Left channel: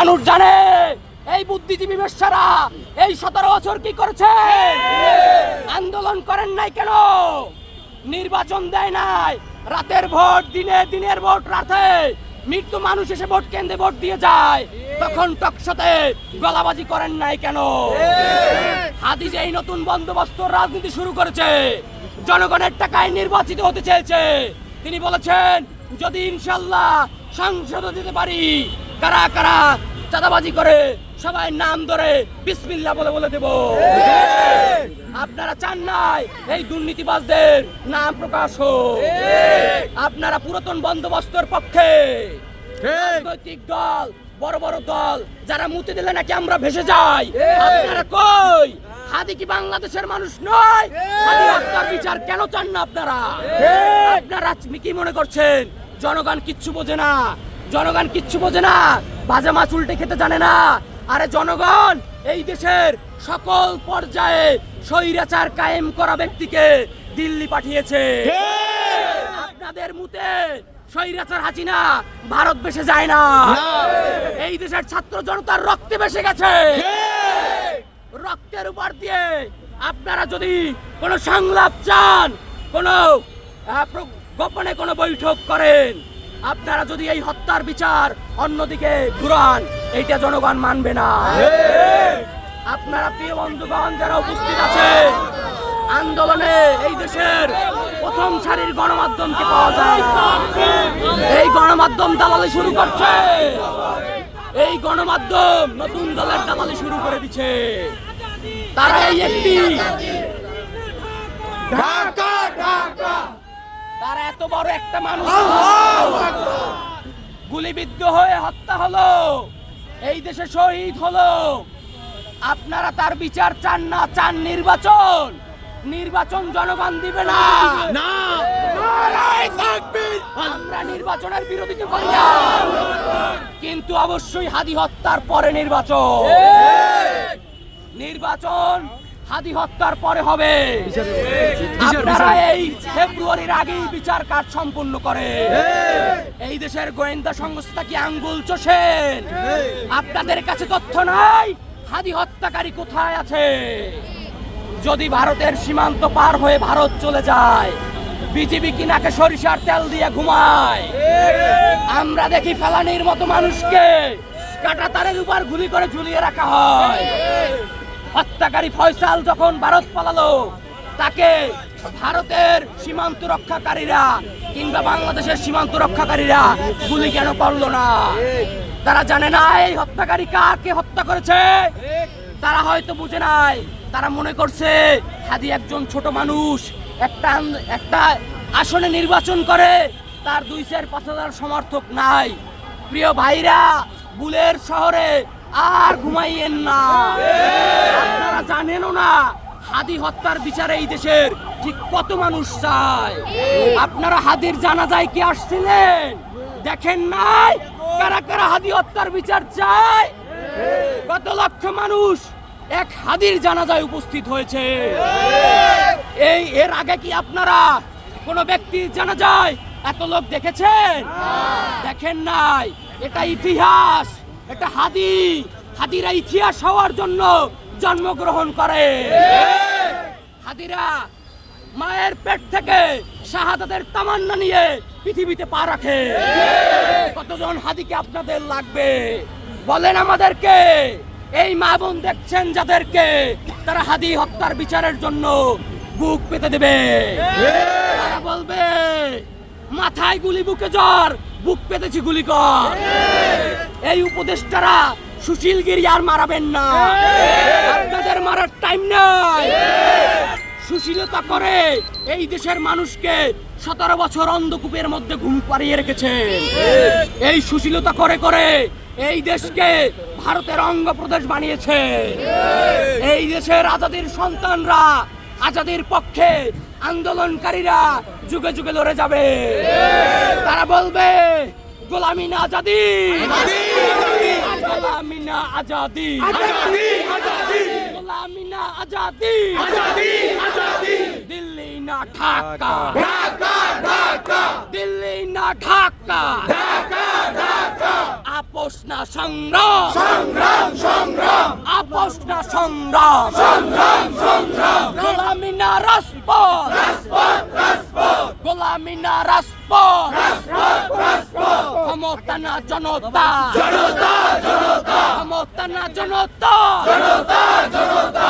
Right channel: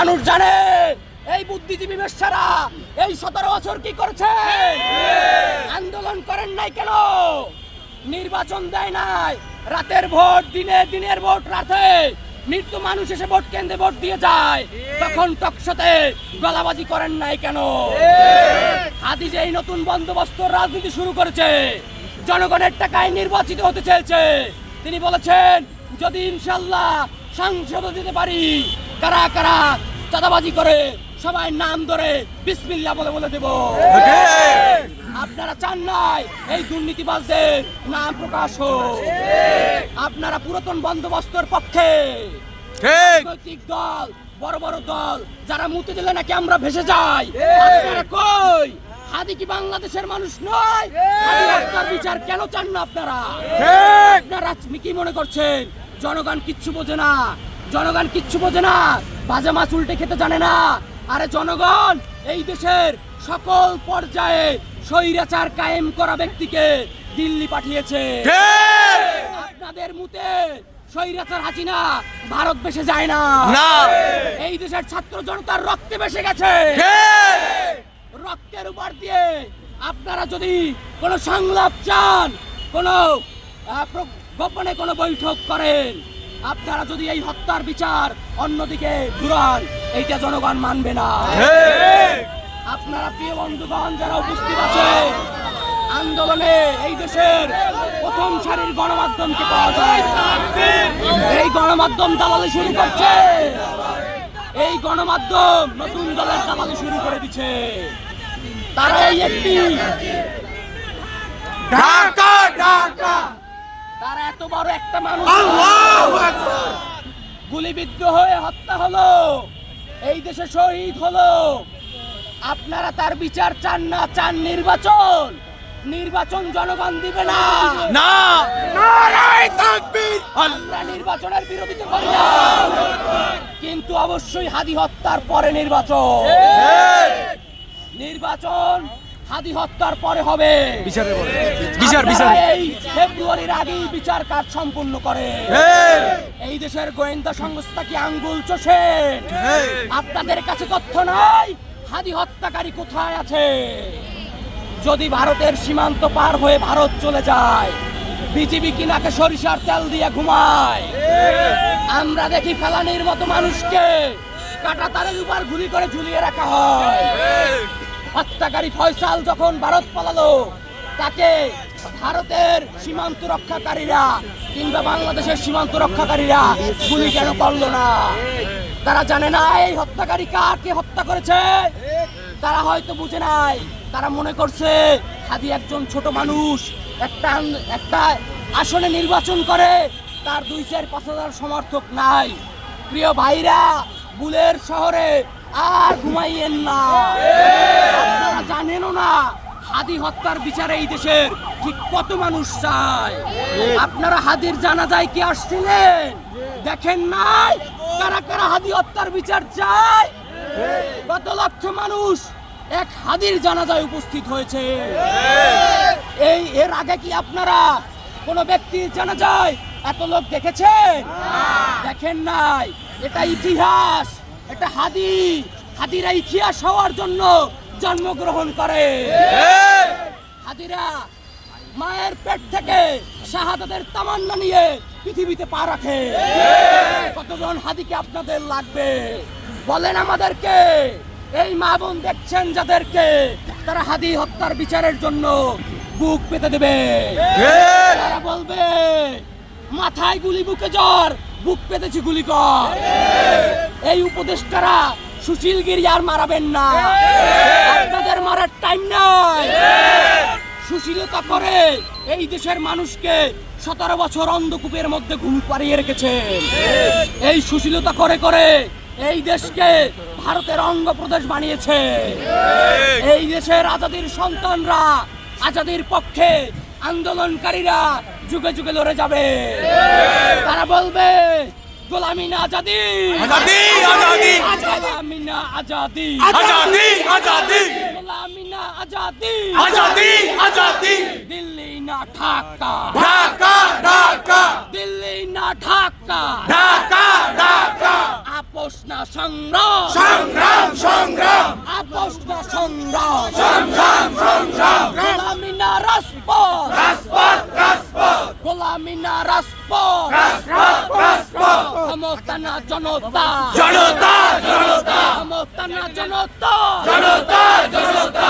মানুষ জানে, এই বুদ্ধিজীবী বেশ্যারা এই সতেরো বছর কি করেছে? আন্দোলন করেন নাই কেন? নির্বাচন দেয় নাই। রাতের ভোট, দিনে দিনের ভোট, রাতে মৃত্যু মানুষ এসে ভোট কেন্দ্রে ভোট দিয়ে যায়। তখন টকশতে গলাবাজি করেন নাই কেন? হাদি যে এই নতুন বন্দোবস্ত রাজনীতি শুরু করেছে, জনগণের টাকায় নির্বাচিত হতে চেয়েছে। তিনি বলেছেন, যদি ইনশাল্লাহ সংসদ দিতে পারি কারা কারা চাঁদাবাজি করে সবাই নাম ধরে বিসমিল্লাহ বলে বলে দেব। আপনারা চান নাই এই দুর্নীতিবাজদের নাম প্রকাশ হোক। আপনারা পুরাতন বন্দোবস্তের পক্ষে। রাজনৈতিক দল বড় বড় দল যারা মুতে দিলে নাকি আমরা ভেসে যাই? আপনারা কই? হাদি কি বাংলাদেশের মানুষ নয়? হাদি হত্যার বিচার কেন চান না আপনারা? আপনারা কি মনে করছেন? জনগণ কিচ্ছু বোঝে না। জনগণ কিচ্ছু বোঝে না। বাজে মাছ উল্টে খেতে জানে না। আরে জনগণ এই দেশের সকল পর্যায়ে স্বৈরাচার কায়েম করা ব্যক্তিকে দিল্লি পাঠিয়েছে। আপনাদের মুতে স্বৈরাচার হাসিনা ভারত বেসে যায় না। এই দেশের ছাত্র জনতার রক্তে বেসে গেছে। রক্তের উপর দিয়ে আপনারা যদি কোনো সংলাপ চান কোনো গোপনে কোনো বৈঠক করেন আপনারা যদি এই হত্যার বিচার অন্যদিকে ঘুরান, এইটা জনগণ মানবে না। আপনারা প্রিয় বন্ধুগণ, যারা উপস্থিত আছে, আন্দোলনে এই দেশের প্রথম সারির গণমাধ্যমকে পাওয়া যায় এই গণমাধ্যম দালালি শুরু করছে। এই গণমাধ্যম নতুন দলের দালালি শুরু করে দিচ্ছে। তারা এই একটি তারা এত বড় একটা মানুষ। গুলিবিদ্ধ হয়ে হত্যা হলো। এই দেশে শহীদ হলো। আপনারা তার বিচার চান না চান নির্বাচন। নির্বাচন জনগণ দিবে না। আমরা নির্বাচনের বিরোধিতা করি না। কিন্তু অবশ্যই হাদি হত্যার পরে নির্বাচন। নির্বাচন হাদি হত্যার পরে হবে। এই ফেব্রুয়ারির আগেই বিচার কাজ সম্পূর্ণ করে। এই দেশের গোয়েন্দা সংস্থা কি আঙ্গুল চষেন আপনাদের কাছে তথ্য নাই? হাদি হত্যাকারী কোথায় আছে? যদি ভারতের সীমান্ত পার হয়ে ভারত চলে যায় বিজিবি কি নাকে সরিষার তেল দিয়ে ঘুমায়? আমরা দেখি ফেলানির মতো মানুষকে কাটা তারের উপর গুলি করে ঝুলিয়ে রাখা হয়। হত্যাকারী ফয়সাল যখন ভারত পালালো, তাকে ভারতের সীমান্ত রক্ষাকারীরা কিংবা বাংলাদেশের সীমান্ত রক্ষাকারীরা গুলি কেন করল না? তারা জানে না এই হত্যাকারী কাকে হত্যা করেছে? তারা হয়তো বুঝে নাই। তারা মনে করছে, হাদি একজন ছোট মানুষ, একটা একটা আসনে নির্বাচন করে, তার দুই চার পাঁচ হাজার সমর্থক নাই। প্রিয় ভাইরা, বুলের শহরে আর ঘুমাইয়েন না। আপনারা জানেনও না, হাদি হত্যার বিচারে এই দেশের ঠিক কত মানুষ চায় আপনারা হাদির জানা যায় কি আসছিলেন? দেখেন নাই? কারা কারা হাদি হত্যার বিচার চায়? কত লক্ষ মানুষ এক হাদির জানাজায় উপস্থিত হয়েছে। এই, এর আগে কি আপনারা কোন ব্যক্তির জানাজায় এত লোক দেখেছেন? দেখেন নাই? এটা ইতিহাস। এটা হাদি, হাদিরা ইতিহাস হওয়ার জন্য জন্মগ্রহণ করে। হাদিরা মায়ের পেট থেকে শাহাদাতের তামান্না নিয়ে পৃথিবীতে পা রাখে। কতজন হাদিকে আপনাদের লাগবে? বলেন আমাদেরকে, এই মা বোন দেখছেন যাদেরকে, তারা হাদি হত্যার বিচারের জন্য বুক পেতে দেবে। তারা বলবে, মাথায় গুলি, বুকে জ্বর বুক পেতেছি গুলি কর। এই উপদেষ্টারা সুশীল গিরি আর মারাবেন না। আপনাদের মারার টাইম নাই। সুশীলতা করে এই দেশের মানুষকে সতেরো বছর অন্ধকূপের মধ্যে ঘুম পাড়িয়ে রেখেছেন এই সুশীলতা করে করে এই দেশকে ভারতের অঙ্গ প্রদেশ বানিয়েছে। এই দেশের আজাদির সন্তানরা, আজাদির পক্ষে আন্দোলনকারীরা যুগে যুগে ধরে যাবে। তারা বলবে গোলামি না আজাদি। গোলামি না আজাদি। গোলামি না আজাদি। আজাদি আজাদি। দিল্লি না ঢাকা। দিল্লি না ঢাকা। আপ আপোষ না সংগ্রাম। সংগ্রাম সংগ্রাম। আপোষ না সংগ্রাম। সংগ্রাম সংগ্রাম। গোলামি না রাজপথ গোলামি না রাজপথ। ক্ষমতা না জনতা। জনতা জনতা। ক্ষমতা না জনতা। জনতা জনতা।